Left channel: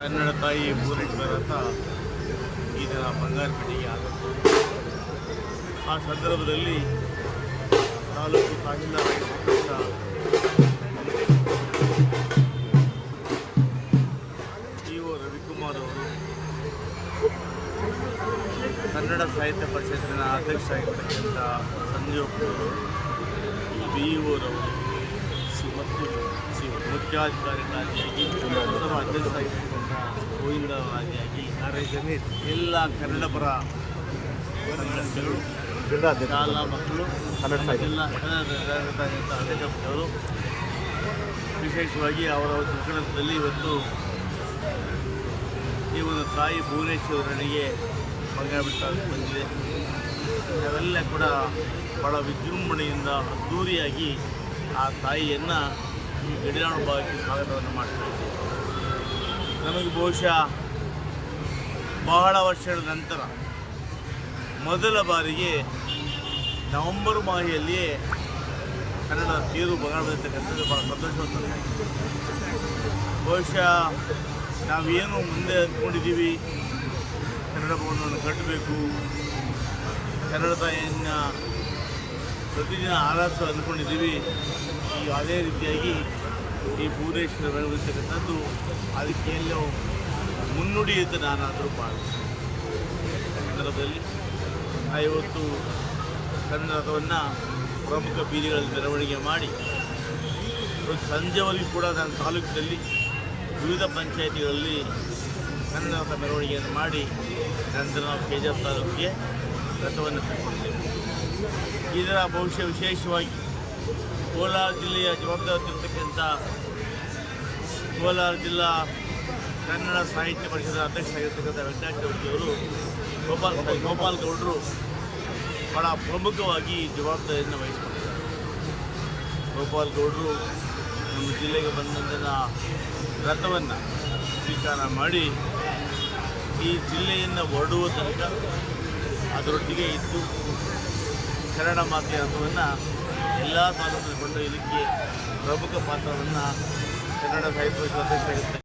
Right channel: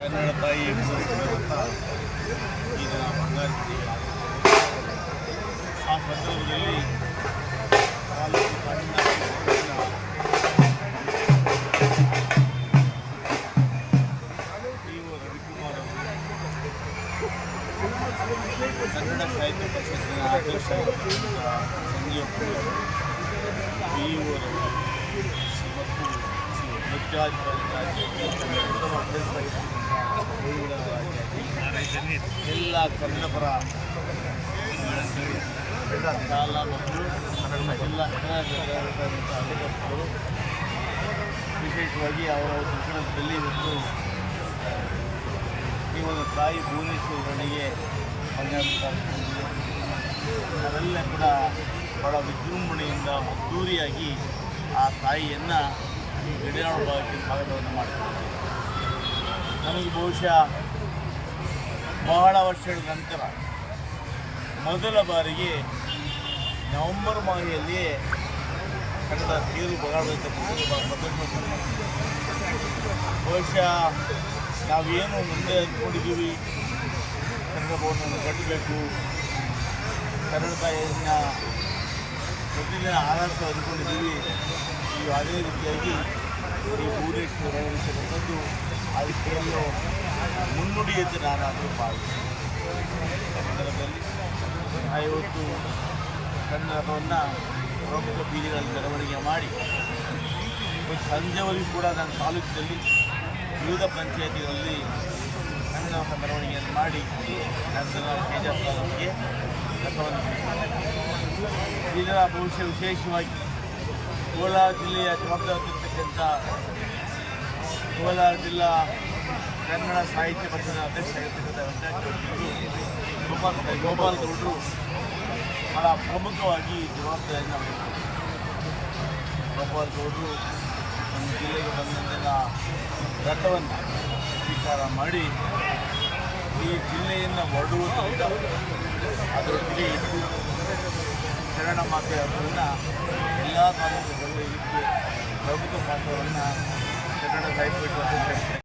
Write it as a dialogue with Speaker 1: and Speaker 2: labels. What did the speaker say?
Speaker 1: ಕನ್ನಡ ತಾಯಿ ಅಂತ ಈ ದಿನ ಬಂಗಾರ ಬಿಡಿಗೆ ಆಗಮಿಸಿದೆ ಆ ಸಂದರ್ಭದಲ್ಲಿ ತಾಲೂಕು ಆಗಿರ್ತಕ್ಕಂಥ ಇ ಒ ರವಿಕುಮಾರ್ ಅವರು ಕನ್ನಡ ಸಾಹಿತ್ಯ ಪರಿಷತ್ತಿನ ಅಧ್ಯಕ್ಷ ಆಗಿರ್ತಕ್ಕಂಥ ಸಂಜೀವ್ ಬಿ ಒರವರು ಮತ್ತು ಎಲ್ಲ ಕನ್ನಡಪರ ಶಾಲಾ ಮಕ್ಕಳು, ನಮ್ಮ ಜಿಲ್ಲಾ ಕನ್ನಡ ವಿಶೇಷವಾಗಿ ಅವರ ಒಂದು ಇವತ್ತು ಈ ಒಂದು ತಾಯಿ ಭುವನೇಶ್ವರನಿಗೆ ಬಂಗಾರಬಿಟ್ಟ ಬಂದಿದೆ. ನಾವೆಲ್ಲ ಕೂಡ ಬಹಳ ವಿಜೃಂಭಣೆಯಿಂದ ಅದ್ಧೂರಿಯಾಗಿ ಆ ತಾಯಿಯನ್ನು ಈ ಗಡಿನಾಡು ಭಾಗಕ್ಕೆ ಸ್ವಾಗತವನ್ನು ಮಾಡ್ತಿದ್ದೀವಿ. ನಮಗೆ ಬಹುಶಃ ಬಹಳ ವರ್ಷಗಳ ನಂತರ ಮೊದಲ ಬಾರಿಗೆ ನವೆಂಬರ್ ಮಾಹಿಯಲ್ಲಿಯೇ ಕನ್ನಡ ತೀರು ಬಗಾಡತಕ್ಕಂಥದ್ದು ಭಾಳ ಸಂತೋಷವನ್ನು. ಬಹುಶಃ ನಾವೇನು ಮುಂದೆ ಅಂದ್ಕೊಂಡಿದ್ದೀವಿ ಕನ್ನಡ ಭವನವನ್ನು ಕಟ್ಟಬೇಕು. ಕನ್ನಡ ತಾಯಿಯನ್ನು ಪ್ರತಿದಿನ ಆರಾಧ ಅಂದ್ಕೊಂಡಿದ್ದೀವಿ. ಈ ಅದೇ ರೀತಿಯಾಗಿ ಈ ಭುವನೇಶ್ವರ ಬೆಳೆದಿರ್ತಕ್ಕಂಥದ್ದು ಅದಕ್ಕೆ ಎಲ್ಲೋ ಮುನ್ನುಡಿ ಅಂತ ನಾನಾದರೂ ಭಾವಿಸ್ತೀನಿ. ಸಂದರ್ಭದಲ್ಲಿ ಆ ಇವತ್ತು ಕನ್ನಡ ರಥವನ್ನು ಪ್ರಮುಖ ಬೀದಿಗಳಲ್ಲಿ ಮೆರವಣಿಗೆ ಮಾಡಿ ಸಂಜೆವರೆಗೂ ಕೂಡ ನನ್ನ ತಾಲೂಕಿನಲ್ಲಿ ವಿವಿಧ ಪಂಚಾಯತಿಗಳಲ್ಲಿ ಕನ್ನಡ ಮೆರವಣಿಗೆಯನ್ನು ಮಾಡಿ, ನಂತರ ನಾವು ಕೆಜಾಪ್ ತಾಲೂಕಿಗೆ ಕೈಗೊಂಡಿದ್ದೇವೆ ಇದರ ಬಹುಶಃ ವಿಶೇಷವಾಗಿ ಕೋಲಾರ ಜಿಲ್ಲೆಯ ಜವಾಬ್ದಾರಿರ್ತಕ್ಕಂಥ ಕೋಲಾರ ಜಿಲ್ಲಾ ಕನ್ನಡ ಸಾಹಿತ್ಯ ಪರಿಷದ ಅಧ್ಯಕ್ಷರಾಗಿರ್ತಕ್ಕಂಥ ವೆಂಕಟಾಚೌಟಿಯವರು ಗೋಪಾಲ್ ಗೋಪಾಲ್ ಗೌಡರು ಬಹಳ ಪ್ರಮುಖವಾಗಿ ಜವಾಬ್ದಾರಿಯನ್ನು ವಹಿಸಿಕೊಂಡಿದ್ದಾರೆ ಗೋಪಾಲ್ ಗೌಡರು ನಮ್ಮ ಜಿಲ್ಲೆಗೆ ಬಂದಂತಹ ರಥವನ್ನು ಸ್ವೀಕಾರ ಮಾಡಿ ಈ ಜಿಲ್ಲೆಯನ್ನು ಹೊರಡುವ ತನಕ ಅದರೊಟ್ಟಿಗೆ ಇದ್ದು ಶರಣ ಮಾತೆಯ ಹಬ್ಬವನ್ನು ಎಲ್ಲ ತಾಲೂಕಿನ ಕೊಂಡೊಯ್ಯಲಿಕ್ಕೆ ಪ್ರಮುಖ ಪಾತ್ರವನ್ನು ಕನ್ನಡ ಸಾಹಿತ್ಯ ಪೀಠ